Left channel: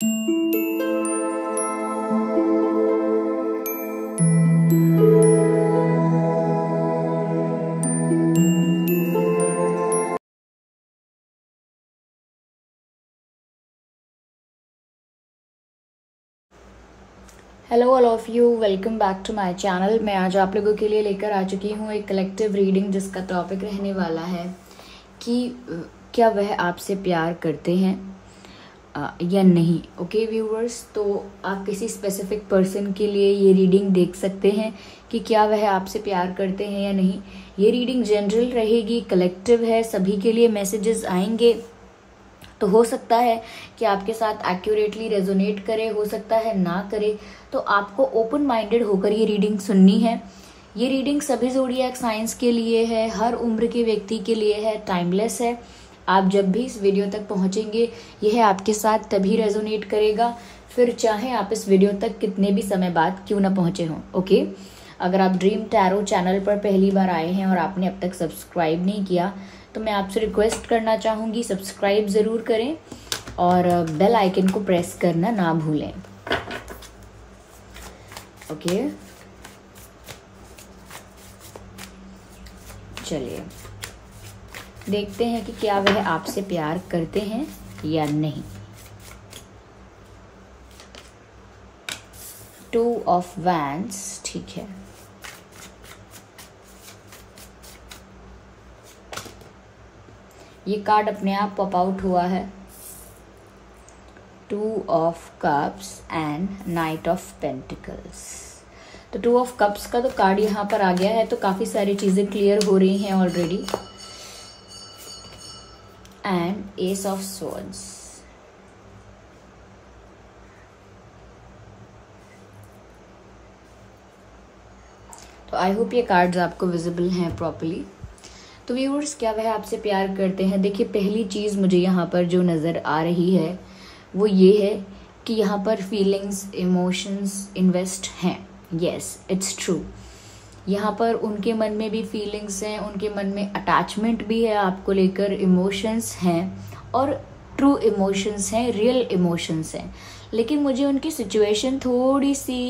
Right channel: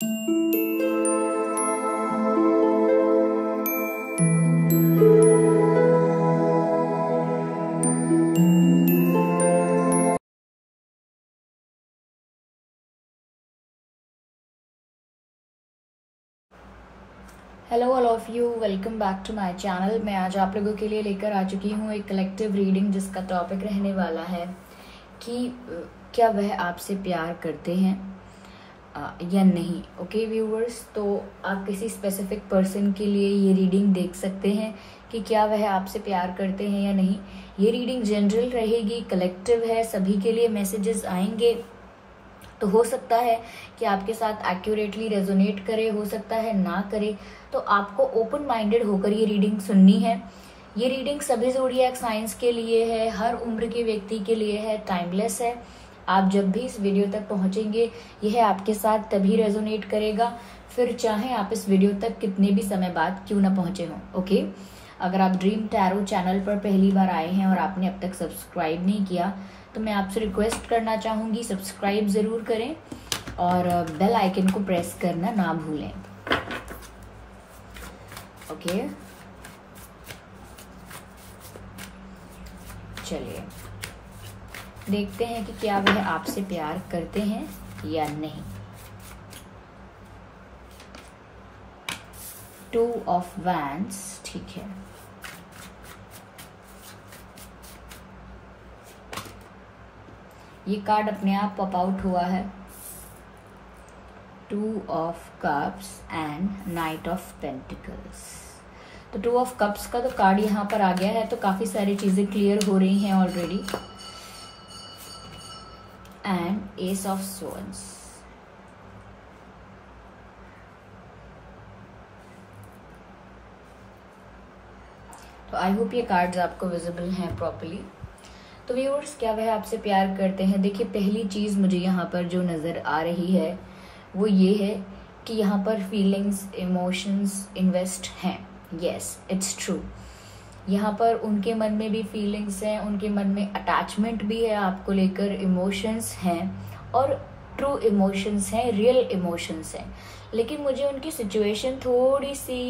Hello all of you, welcome back to my channel. मैं आज आप लोगों के लिए लेकर आ चुकी हूँ एक कलेक्टिव रीडिंग, जिसका टॉपिक रहने वाला है कि क्या वह आपसे प्यार करते हैं या नहीं। ओके व्यूअर्स, तो आप किसी स्पेसिफिक पर्सन के लिए ये रीडिंग देख सकते हैं कि क्या वह आपसे प्यार करते हैं या नहीं। ये रीडिंग जनरल रहेगी, कलेक्टिव है, सभी के लिए मैसेजेस आएंगे। तो हो सकता है कि आपके साथ एक्यूरेटली रेजोनेट करे, हो सकता है ना करे। तो आपको ओपन माइंडेड होकर ये रीडिंग सुननी है। ये रीडिंग सभी ज़ोडिएक साइंस के लिए है, हर उम्र के व्यक्ति के लिए है, टाइमलेस है। आप जब भी इस वीडियो तक पहुंचेंगे यह आपके साथ तभी रेजोनेट करेगा, फिर चाहे आप इस वीडियो तक कितने भी समय बाद क्यों ना पहुंचे हों। ओके, अगर आप ड्रीम टैरो चैनल पर पहली बार आए हैं और आपने अब तक सब्सक्राइब नहीं किया तो मैं आपसे रिक्वेस्ट करना चाहूंगी, सब्सक्राइब जरूर करें और बेल आइकन को प्रेस करना ना भूलें। ओके, चलिए देखते हैं कि क्या वह आपसे प्यार करते हैं या नहीं। 2 ऑफ वैंड्स, ठीक है। ये कार्ड अपने आप पॉप आउट हुआ है। 2 of cups and night of pentacles. तो 2 ऑफ कप्स का तो कार्ड यहाँ पर आ गया है, तो काफी सारी चीजें क्लियर हो रही हैं already. And S of swords. तो आई होप ये कार्ड्स आपको विजिबल हैं प्रॉपर्ली। तो व्यूअर्स, क्या वह आपसे प्यार करते हैं? देखिए, पहली चीज मुझे यहाँ पर जो नजर आ रही है वो ये है कि यहाँ पर फीलिंग्स, इमोशंस इन्वेस्ट हैं। Yes, it's true. यहाँ पर उनके मन में भी फीलिंग्स हैं, उनके मन में अटैचमेंट भी है आपको लेकर, इमोशंस हैं और ट्रू इमोशंस हैं, रियल इमोशंस हैं। लेकिन मुझे उनकी सिचुएशन थोड़ी सी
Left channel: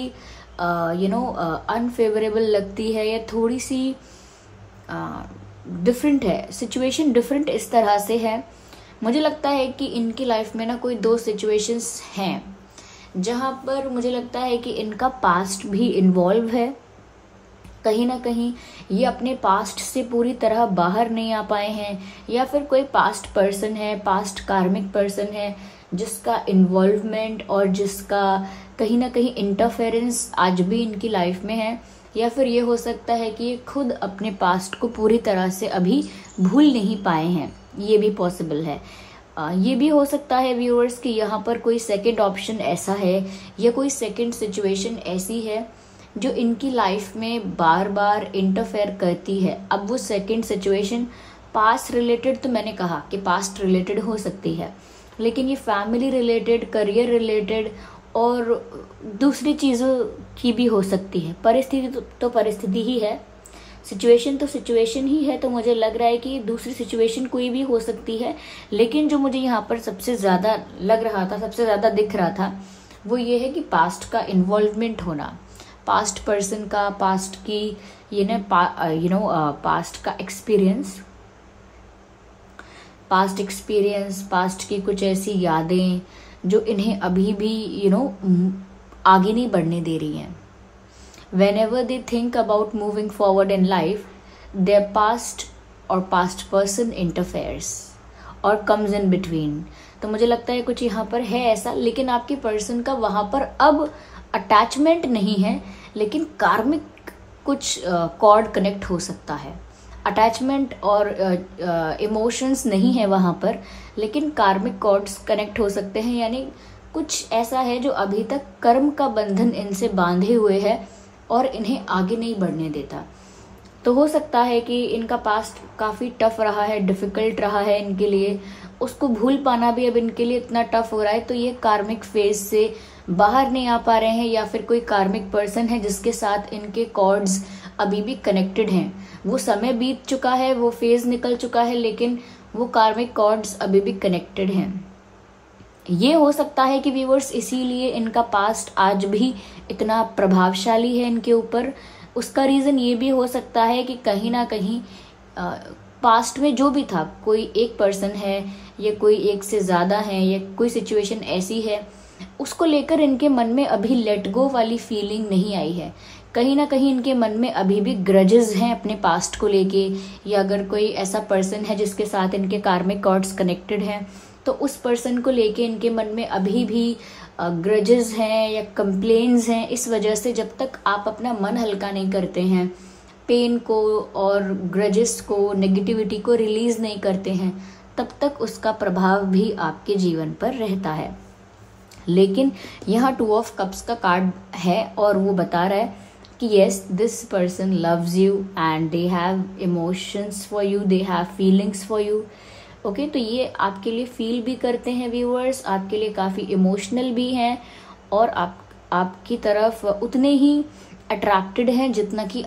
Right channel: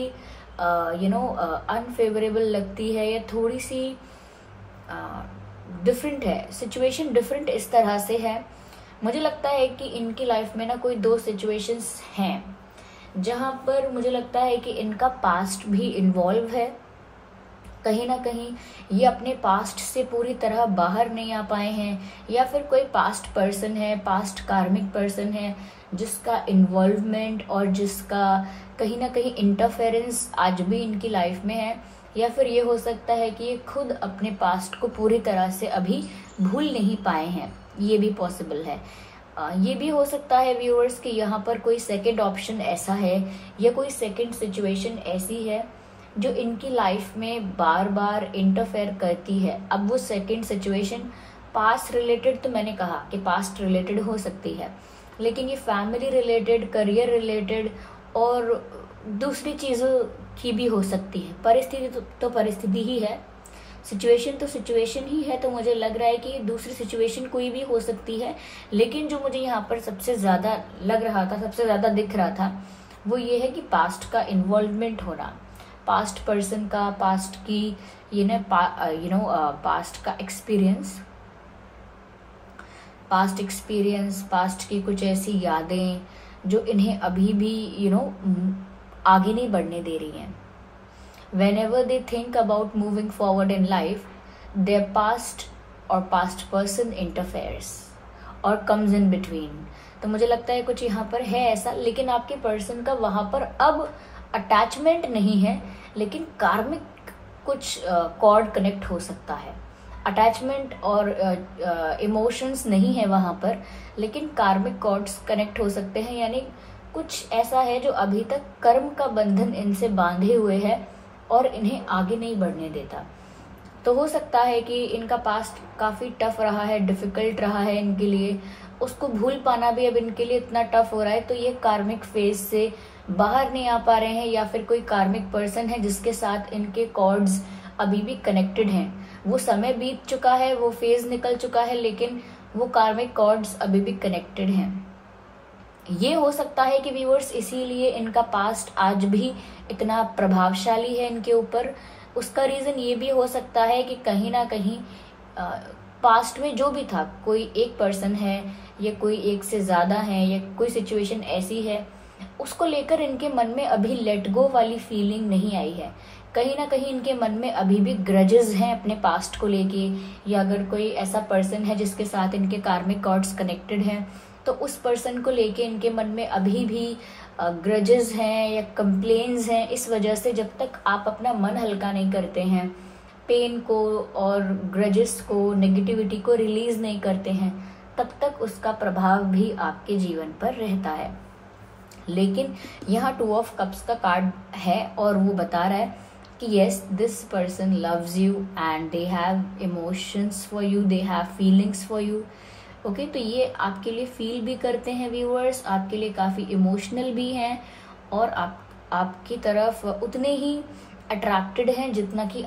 अनफेवरेबल लगती है, या थोड़ी सी डिफरेंट है। सिचुएशन डिफरेंट इस तरह से है, मुझे लगता है कि इनकी लाइफ में ना कोई 2 सिचुएशंस हैं जहां पर मुझे लगता है कि इनका पास्ट भी इन्वॉल्व है। कहीं ना कहीं ये अपने पास्ट से पूरी तरह बाहर नहीं आ पाए हैं, या फिर कोई पास्ट पर्सन है, पास्ट कार्मिक पर्सन है जिसका इन्वॉल्वमेंट और जिसका कहीं ना कहीं इंटरफेरेंस आज भी इनकी लाइफ में है। या फिर ये हो सकता है कि ये खुद अपने पास्ट को पूरी तरह से अभी भूल नहीं पाए हैं, ये भी पॉसिबल है। ये भी हो सकता है व्यूअर्स कि यहाँ पर कोई सेकंड ऑप्शन ऐसा है, या कोई सेकंड सिचुएशन ऐसी है जो इनकी लाइफ में बार बार इंटरफेयर करती है। अब वो सेकंड सिचुएशन पास्ट रिलेटेड, तो मैंने कहा कि पास्ट रिलेटेड हो सकती है, लेकिन ये फैमिली रिलेटेड, करियर रिलेटेड और दूसरी चीजों की भी हो सकती है। परिस्थिति तो परिस्थिति ही है, सिचुएशन तो सिचुएशन ही है। तो मुझे लग रहा है कि दूसरी सिचुएशन कोई भी हो सकती है, लेकिन जो मुझे यहाँ पर सबसे ज्यादा लग रहा था, सबसे ज्यादा दिख रहा था, वो ये है कि पास्ट का इन्वॉल्वमेंट होना, पास्ट पर्सन का, पास्ट की पास्ट का एक्सपीरियंस, पास्ट की कुछ ऐसी यादें जो इन्हें अभी भी आगे नहीं बढ़ने दे रही हैं। Whenever they think about moving forward in life, their past or past person interferes or comes in between। तो मुझे लगता है कुछ यहाँ पर है ऐसा, लेकिन आपके पर्सन का वहां पर अब अटैचमेंट नहीं है, लेकिन कार्मिक कुछ कॉर्ड कनेक्ट हो सकता है। अटैचमेंट और इमोशंस नहीं है वहां पर, लेकिन कार्मिक कॉर्ड्स कनेक्ट हो सकते हैं। यानी कुछ ऐसा है जो अभी तक कर्म का बंधन इनसे बांधे हुए है और इन्हें आगे नहीं बढ़ने देता। तो हो सकता है कि इनका पास्ट काफी टफ रहा है, डिफिकल्ट रहा है इनके लिए, उसको भूल पाना भी अब इनके लिए इतना टफ हो रहा है। तो ये कार्मिक फेज से बाहर नहीं आ पा रहे हैं, या फिर कोई कार्मिक पर्सन है जिसके साथ इनके कॉर्ड्स अभी भी कनेक्टेड हैं। वो समय बीत चुका है, वो फेज निकल चुका है, लेकिन वो कार्मिक कॉर्ड्स अभी भी कनेक्टेड हैं। ये हो सकता है कि व्यूअर्स इसीलिए इनका पास्ट आज भी इतना प्रभावशाली है इनके ऊपर। उसका रीजन ये भी हो सकता है कि कहीं ना कहीं पास्ट में जो भी था, कोई एक पर्सन है या कोई एक से ज्यादा है या कोई सिचुएशन ऐसी है, उसको लेकर इनके मन में अभी लेट गो वाली फीलिंग नहीं आई है। कहीं ना कहीं इनके मन में अभी भी ग्रजेस हैं अपने पास्ट को लेके, या अगर कोई ऐसा पर्सन है जिसके साथ इनके कार्मिक कॉर्ड्स कनेक्टेड हैं तो उस पर्सन को लेके इनके मन में अभी भी ग्रजेस हैं या कंप्लेन्स हैं। इस वजह से जब तक आप अपना मन हल्का नहीं करते हैं, पेन को और ग्रजेस को, नेगेटिविटी को रिलीज नहीं करते हैं, तब तक उसका प्रभाव भी आपके जीवन पर रहता है। लेकिन यहाँ 2 ऑफ कप्स का कार्ड है और वो बता रहा है कि yes, this person loves you and they have emotions for you, they have feelings for you. Okay, तो ये आपके लिए फील भी करते हैं व्यूअर्स, आपके लिए काफी इमोशनल भी हैं और आपकी तरफ उतने ही अट्रैक्टेड हैं जितना कि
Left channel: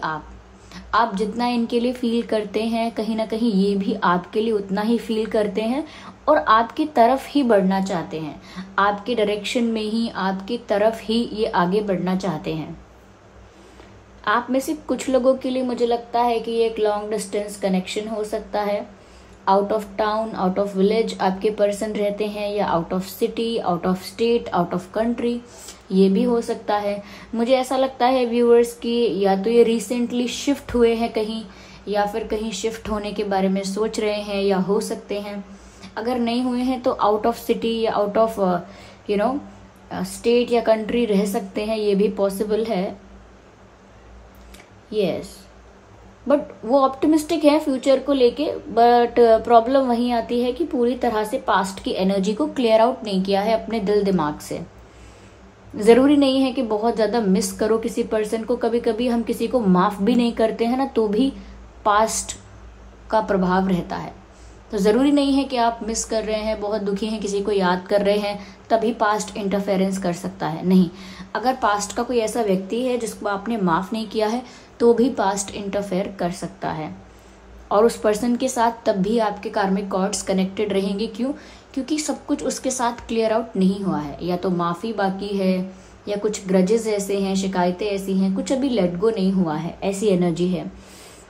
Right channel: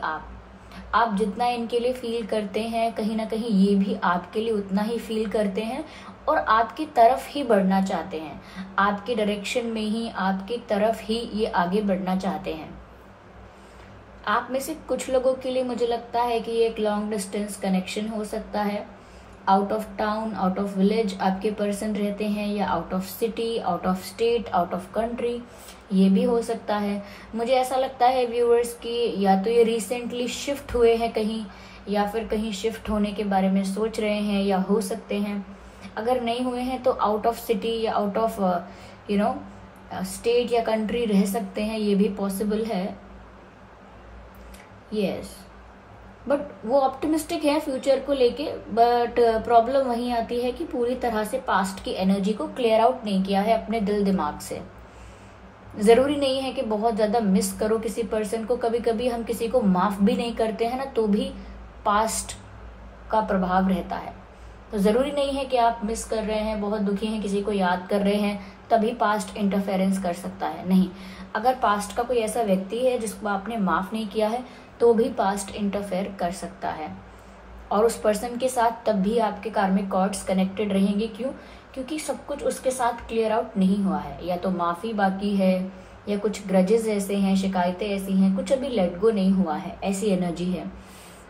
आप जितना इनके लिए फील करते हैं, कहीं ना कहीं ये भी आपके लिए उतना ही फील करते हैं और आपकी तरफ ही बढ़ना चाहते हैं, आपके डायरेक्शन में ही, आपकी तरफ ही ये आगे बढ़ना चाहते हैं। आप में से कुछ लोगों के लिए मुझे लगता है कि ये एक लॉन्ग डिस्टेंस कनेक्शन हो सकता है। Out of town, out of village आपके पर्सन रहते हैं, या out of city, out of state, out of country, ये भी हो सकता है। मुझे ऐसा लगता है व्यूअर्स की या तो ये रिसेंटली शिफ्ट हुए हैं कहीं, या फिर कहीं शिफ्ट होने के बारे में सोच रहे हैं, या हो सकते हैं अगर नहीं हुए हैं तो आउट ऑफ सिटी या आउट ऑफ स्टेट या कंट्री रह सकते हैं, ये भी पॉसिबल है। यस, बट वो ऑप्टिमिस्टिक है फ्यूचर को लेके, बट प्रॉब्लम वही आती है कि पूरी तरह से पास्ट की एनर्जी को क्लियर आउट नहीं किया है अपने दिल दिमाग से। जरूरी नहीं है कि बहुत ज्यादा मिस करो किसी पर्सन को, कभी कभी हम किसी को माफ भी नहीं करते हैं ना, तो भी पास्ट का प्रभाव रहता है। तो जरूरी नहीं है कि आप मिस कर रहे हैं, बहुत दुखी हैं, किसी को याद कर रहे हैं, तभी पास्ट इंटरफेरेंस कर सकता है। नहीं, अगर पास्ट का कोई ऐसा व्यक्ति है जिसको आपने माफ नहीं किया है तो भी पास्ट इंटरफेयर कर सकता है, और उस पर्सन के साथ तब भी आपके कार्मिक कॉर्ड्स कनेक्टेड रहेंगे। क्यों? क्योंकि सब कुछ उसके साथ क्लियर आउट नहीं हुआ है, या तो माफी बाकी है, या कुछ ग्रजेस ऐसे हैं, शिकायतें ऐसी हैं, कुछ अभी लेट गो नहीं हुआ है, ऐसी एनर्जी है।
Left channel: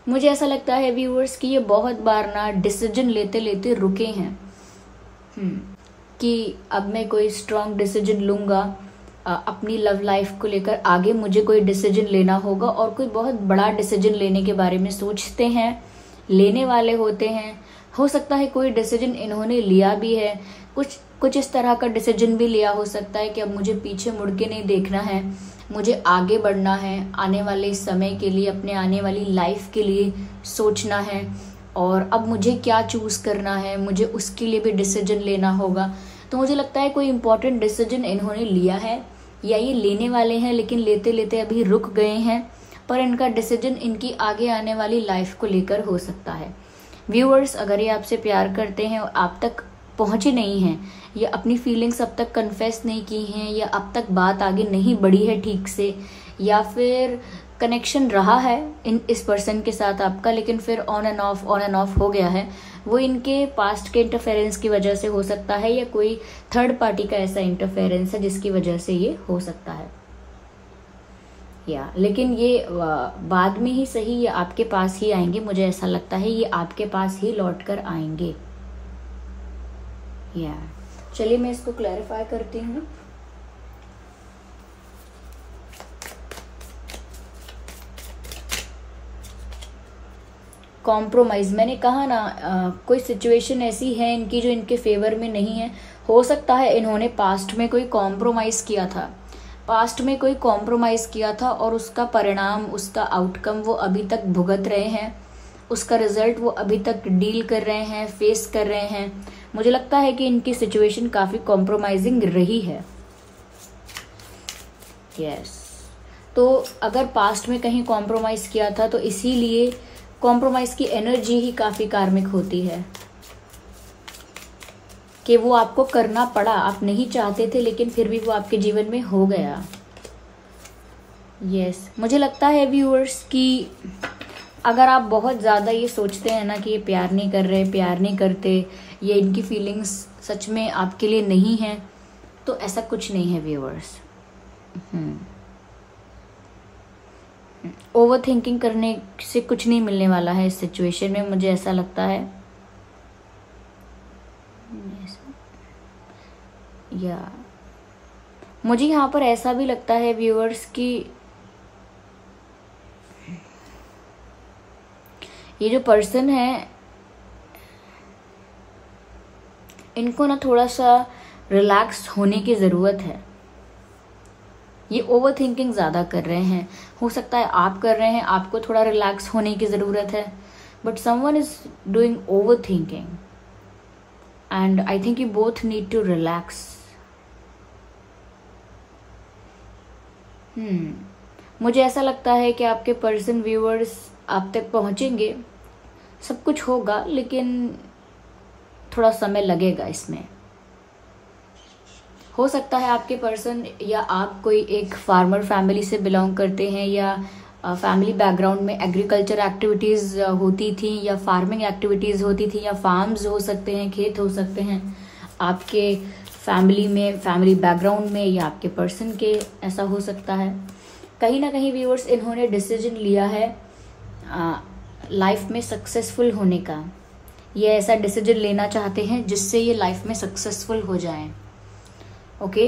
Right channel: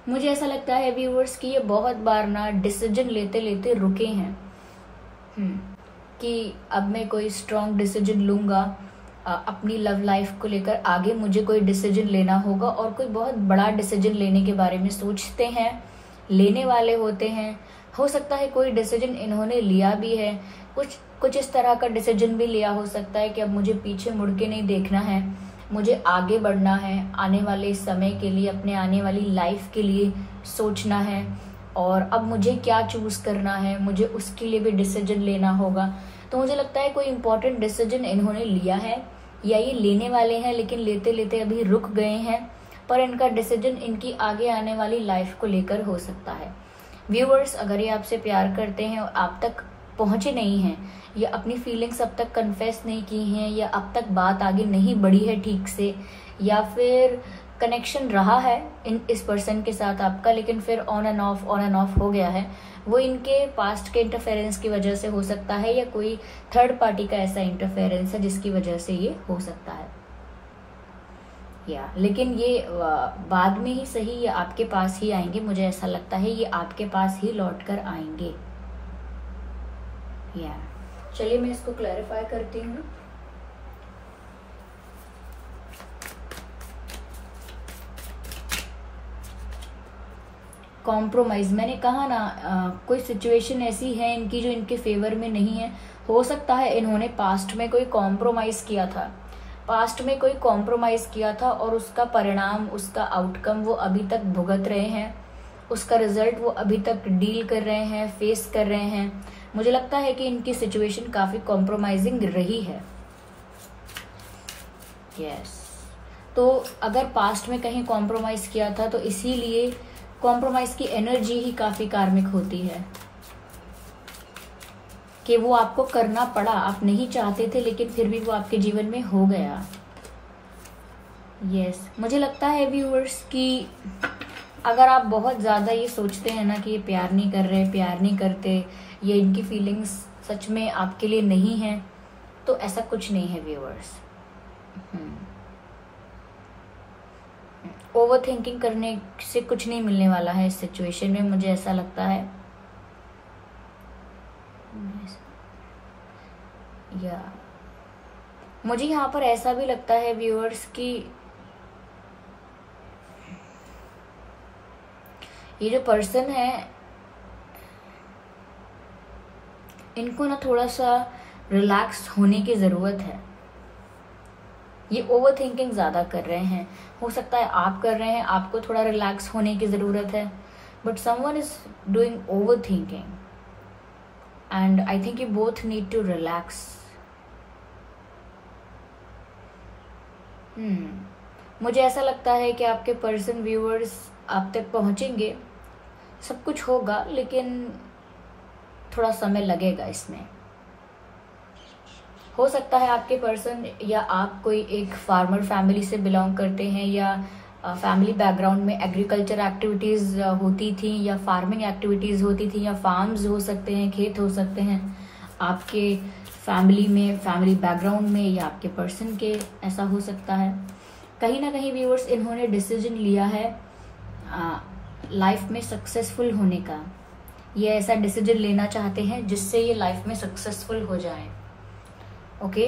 मुझे ऐसा लगता है व्यूअर्स कि ये बहुत बार ना डिसीजन लेते लेते रुके हैं कि अब मैं कोई स्ट्रॉन्ग डिसीजन लूंगा अपनी लव लाइफ को लेकर, आगे मुझे कोई डिसीजन लेना होगा, और कोई बहुत बड़ा डिसीजन लेने के बारे में सोचते हैं, लेने वाले होते हैं। हो सकता है कोई डिसीजन इन्होंने लिया भी है, कुछ इस तरह का डिसीजन भी लिया हो सकता है कि अब मुझे पीछे मुड़ के नहीं देखना है, मुझे आगे बढ़ना है, आने वाले समय के लिए, अपने आने वाली लाइफ के लिए सोचना है, और अब मुझे क्या चूज करना है, मुझे उसके लिए भी डिसीजन लेना होगा। तो मुझे लगता है कोई इंपॉर्टेंट डिसीजन इन्होंने लिया है, या ये लेने वाले हैं, लेकिन लेते लेते अभी रुक गए हैं, पर इनका डिसीजन इनकी आगे आने वाली लाइफ को लेकर हो सकता है। व्यूअर्स, अगर ये आपसे प्यार करते हैं और आप तक पहुंचे नहीं हैं, या अपनी फीलिंग्स अब तक कन्फेस नहीं की हैं, या अब तक बात आगे नहीं बढ़ी है ठीक से, या फिर कनेक्शन रहा है इस पर्सन के साथ आपका, लेकिन फिर ऑन एंड ऑफ हो गया है, वो इनके पास्ट के इंटरफेरेंस की वजह से हो सकता है, या कोई थर्ड पार्टी का ऐसा इंटरफेरेंस है जिसकी वजह से ये हो सकता है। लेकिन ये बाद में ही सही, ये आपके पास ही आएंगे, मुझे ऐसा लगता है ये आपके पास ही लौट कर आएंगे। चलिए मैं इसको क्लैरिफाई करती हूँ। कॉम्प्रोमाइज, मैंने कहा ना कोई सिचुएशन ऐसी है इनकी जो इनके फेवर में नहीं है। हो सकता है इन्होंने पास्ट में कोई कॉम्प्रोमाइज किया था, और उसका परिणाम, उसका आउटकम वो अभी तक भुगत रहे हैं, उसका रिजल्ट वो अभी तक डील कर रहे हैं, फेस कर रहे हैं। मुझे लगता है कि इनकी सिचुएशन काफी कॉम्प्रोमाइजिंग रही है। तो अगर पास्ट में कहीं कॉम्प्रोमाइज किया था तो इसीलिए कॉम्प्रोमाइज की एनर्जी ही काफी कार्मिक होती है, कि वो आपको करना पड़ा, आप नहीं चाहते थे लेकिन फिर भी वो आपके जीवन में हो गया। मुझे लगता है व्यूअर्स कि अगर आप बहुत ज्यादा ये सोचते हैं ना कि ये प्यार नहीं कर रहे, प्यार नहीं करते, ये इनकी फीलिंग्स सच में आपके लिए नहीं है, तो ऐसा कुछ नहीं है व्यूअर्स। ओवर थिंकिंग करने से कुछ नहीं मिलने वाला है इस सिचुएशन में, मुझे ऐसा लगता है। या मुझे यहाँ पर ऐसा भी लगता है व्यूअर्स कि ये जो पर्सन है इनको ना थोड़ा सा रिलैक्स होने की जरूरत है। ये ओवर थिंकिंग ज्यादा कर रहे हैं, हो सकता है आप कर रहे हैं, आपको थोड़ा रिलैक्स होने की जरूरत है, but someone is doing over thinking and I think you both need to relax. मुझे ऐसा लगता है कि आपके पर्सन व्यूअर्स आप तक पहुंचेंगे, सब कुछ होगा, लेकिन थोड़ा समय लगेगा इसमें। हो सकता है आपके पर्सन या आप कोई एक फार्मर फैमिली से बिलोंग करते हैं, या फैमिली बैकग्राउंड में एग्रीकल्चर एक्टिविटीज होती थी, या फार्मिंग एक्टिविटीज होती थी, या फार्म्स हो सकते हैं, खेत हो सकते हैं आपके फैमिली में, फैमिली बैकग्राउंड में, या आपके पर्सन के ऐसा हो सकता है। कहीं ना कहीं व्यूअर्स इन्होंने डिसीजन लिया है लाइफ में सक्सेसफुल होने का। ये ऐसा डिसीजन लेना चाहते हैं जिससे ये लाइफ में सक्सेसफुल हो जाए। ओके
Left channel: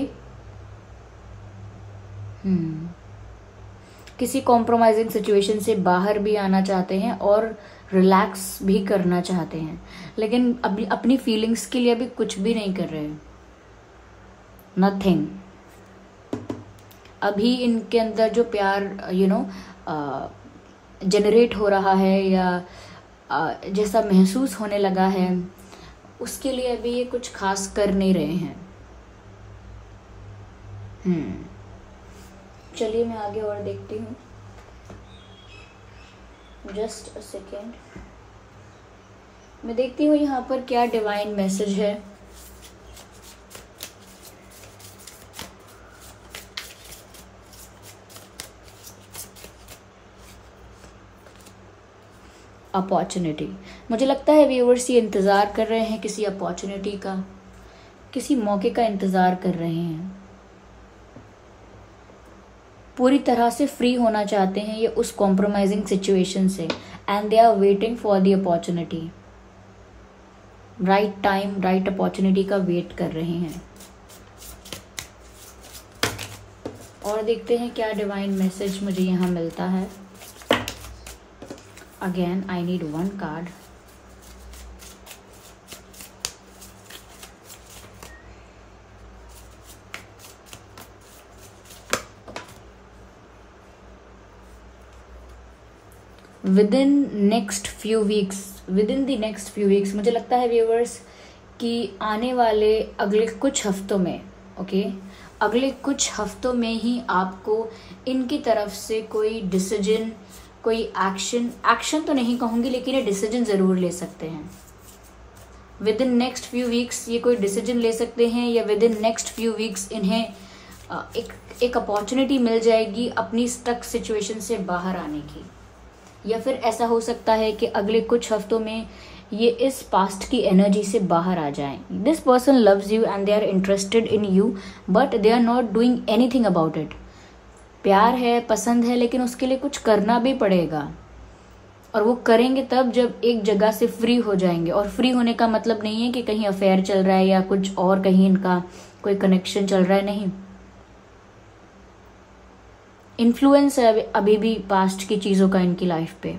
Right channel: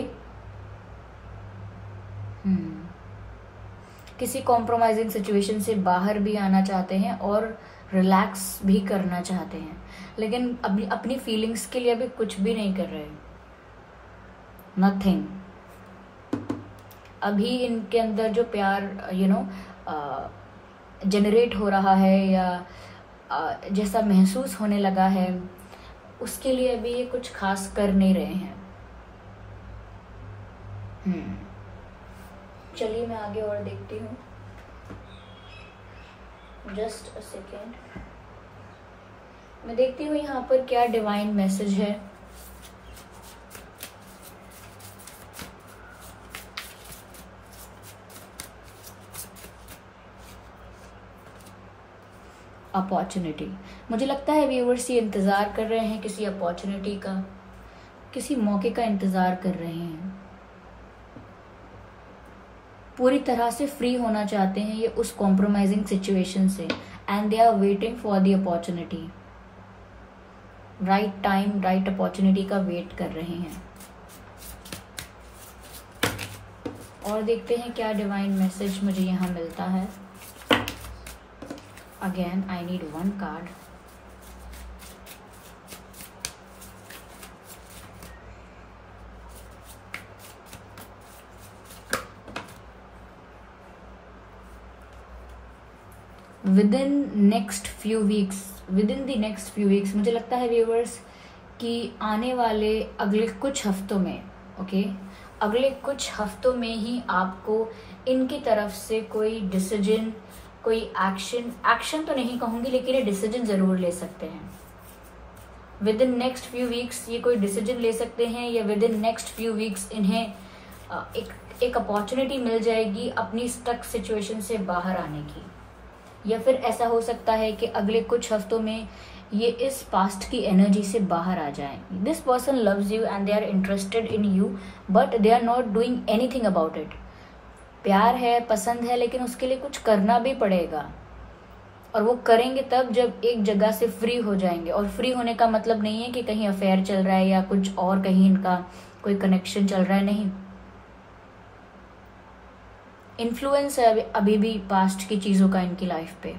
किसी कॉम्प्रोमाइजिंग सिचुएशन से बाहर भी आना चाहते हैं और रिलैक्स भी करना चाहते हैं, लेकिन अभी अपनी फीलिंग्स के लिए अभी कुछ भी नहीं कर रहे हैं, नथिंग। अभी इनके अंदर जो प्यार जनरेट हो रहा है या जैसा महसूस होने लगा है, उसके लिए अभी ये कुछ खास कर नहीं रहे हैं। चलिए मैं आगे और देखती हूँ, जस्ट अ सेकेंड। मैं देखती हूँ यहाँ पर क्या डिवाइन मैसेज है। अपॉर्चुनिटी, मुझे लगता है व्यूअर्स ये इंतजार कर रहे हैं किसी अपॉर्चुनिटी का, किसी मौके का इंतजार कर रहे हैं, पूरी तरह से फ्री होना चाहते हैं ये उस कॉम्प्रोमाइजिंग सिचुएशन से, and they are waiting for the opportunity. Right time, right opportunity का वेट कर रहे हैं। और देखते हैं क्या डिवाइन मैसेज मुझे यहाँ मिलता है। Again, I need one card. Within next few weeks, मुझे लगता है व्यूअर्स कि आने वाले अगले कुछ हफ्तों में, अगले कुछ हफ्तों में ही आपको इनकी तरफ से कोई डिसीजन, कोई एक्शन तो नहीं कहूंगी, लेकिन ये डिसीजन जरूर ले सकते हैं। With in next few weeks ये कोई डिसीजन ले सकते हैं, या with in next few weeks इन्हें एक अपॉर्चुनिटी मिल जाएगी अपनी स्टक सिचुएशन से बाहर आने की। या फिर ऐसा हो सकता है कि अगले कुछ हफ्तों में ये इस पास्ट की एनर्जी से बाहर आ जाएं। This person loves you and they are interested in you, but they are not doing anything about it. प्यार है, पसंद है, लेकिन उसके लिए कुछ करना भी पड़ेगा, और वो करेंगे तब जब एक जगह से फ्री हो जाएंगे। और फ्री होने का मतलब नहीं है कि कहीं अफेयर चल रहा है या कुछ और कहीं इनका कोई कनेक्शन चल रहा है, नहीं। इन्फ्लुएंस है अभी भी पास्ट की चीजों का इनकी लाइफ पे।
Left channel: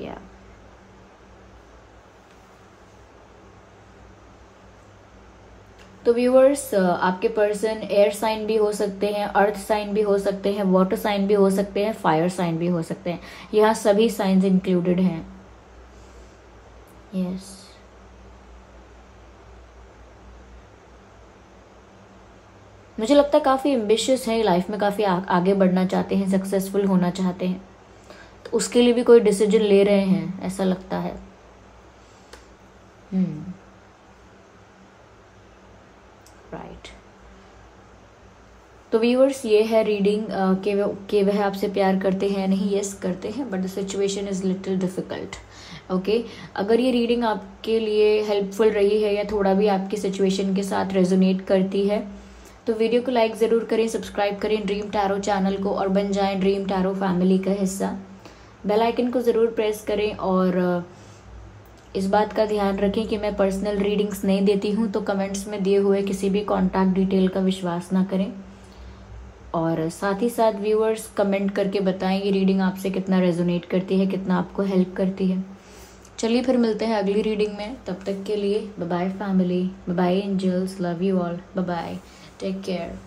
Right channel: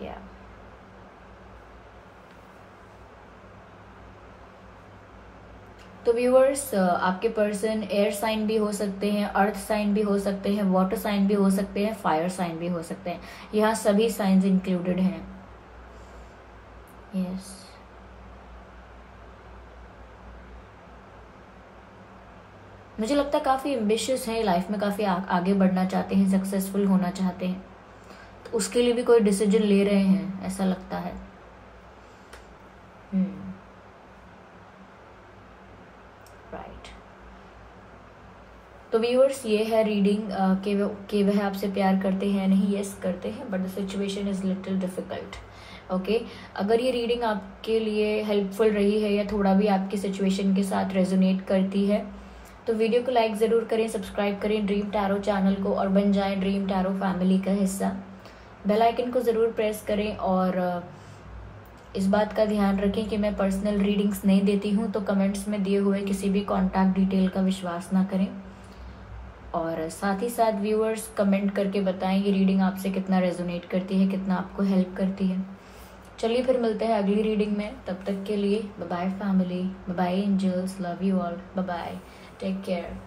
या तो व्यूअर्स, आपके पर्सन एयर साइन भी हो सकते हैं, अर्थ साइन भी हो सकते हैं, वाटर साइन भी हो सकते हैं, फायर साइन भी हो सकते हैं। यहाँ सभी साइंस इंक्लूडेड हैं। यस मुझे लगता है काफी एम्बिशियस है लाइफ में, काफी आगे बढ़ना चाहते हैं, सक्सेसफुल होना चाहते हैं, तो उसके लिए भी कोई डिसीजन ले रहे हैं ऐसा लगता है। तो व्यूअर्स ये है रीडिंग कि वह आपसे प्यार करते हैं नहीं, यस करते हैं, but the situation is little difficult. Okay, अगर ये रीडिंग आपके लिए हेल्पफुल रही है या थोड़ा भी आपकी सिचुएशन के साथ रेजोनेट करती है तो वीडियो को लाइक जरूर करें, सब्सक्राइब करें ड्रीम टैरो चैनल को और बन जाएं ड्रीम टैरो फैमिली का हिस्सा। बेल आइकन को जरूर प्रेस करें और इस बात का ध्यान रखें कि मैं पर्सनल रीडिंग्स नहीं देती हूं, तो कमेंट्स में दिए हुए किसी भी कॉन्टैक्ट डिटेल का विश्वास ना करें। और साथ ही साथ व्यूअर्स कमेंट करके बताएं ये रीडिंग आपसे कितना रेजोनेट करती है, कितना आपको हेल्प करती है। चलिए फिर मिलते हैं अगली रीडिंग में, तब तक के लिए bye bye family, bye bye angels, love you all, bye bye, take care.